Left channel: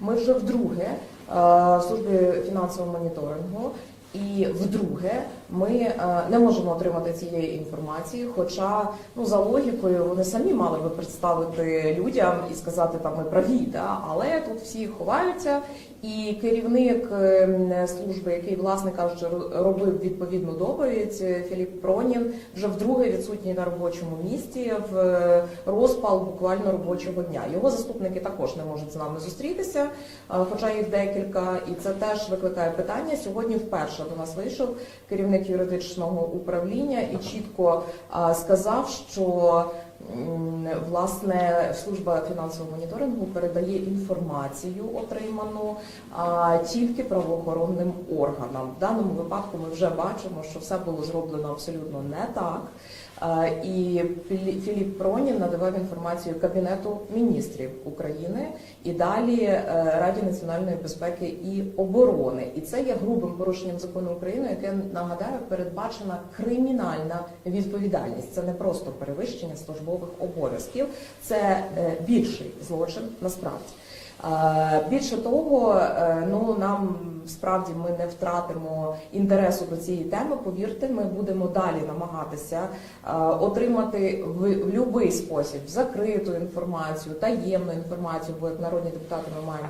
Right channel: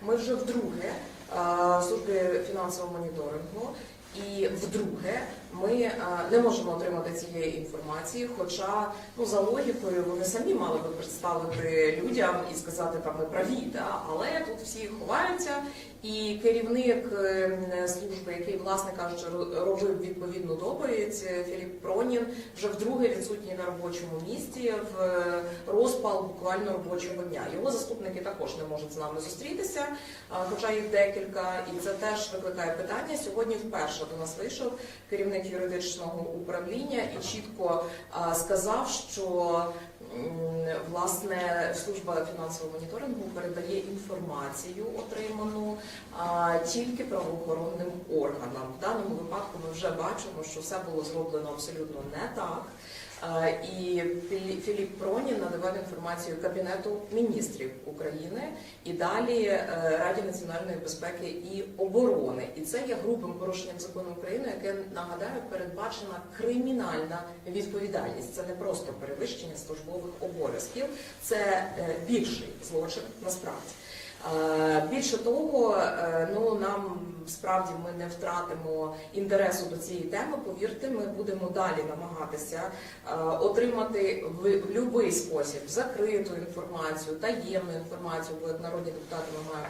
Ми вже вдруге служби в службі фінансового моніторингу. І вдруге, ми е, не можемо отримати цієї інформації. Хоча, ну за логікою, вони самі мали би представити людям і сказати, там ми праві, да? але тут всі ховаються. І керівник е, служби, який, власне кажучи, робив відповідну доповідь, е, Філіп Пронін, вже вдруге відсутній на робочому місці в е, розпал буквально робочого дня. Його заступники також не можуть з нами зустрітися, хоча їх декілька, і це теж викликає питання. Сьогодні вперше до нас вийшов керівник юридичного управління і чітко сказав, що власне служба фінансового моніторингу передає інформацію, отриману тільки правоохоронним органам. В даному випадку ми вже бачимо, що все було зроблено абсолютно не так. І Філі- Філіп Пронін надавав інформацію Кабінету міністрів України і далі е, Раді національної безпеки і оборони. І це є грубим порушенням закону України, яке нагадаю передбачена кримінальна відповідальність. Це не просто перевищення службових обов'язків, це е, більший злочин насправді. Е, Більше того, е, ну нам справді ми не втратимо інтересу до цієї теми. Повірте, ми будемо далі намагатися отримати в будь-який спосіб закриту інформацію, таємну інформацію, бо як народні депутати ми маємо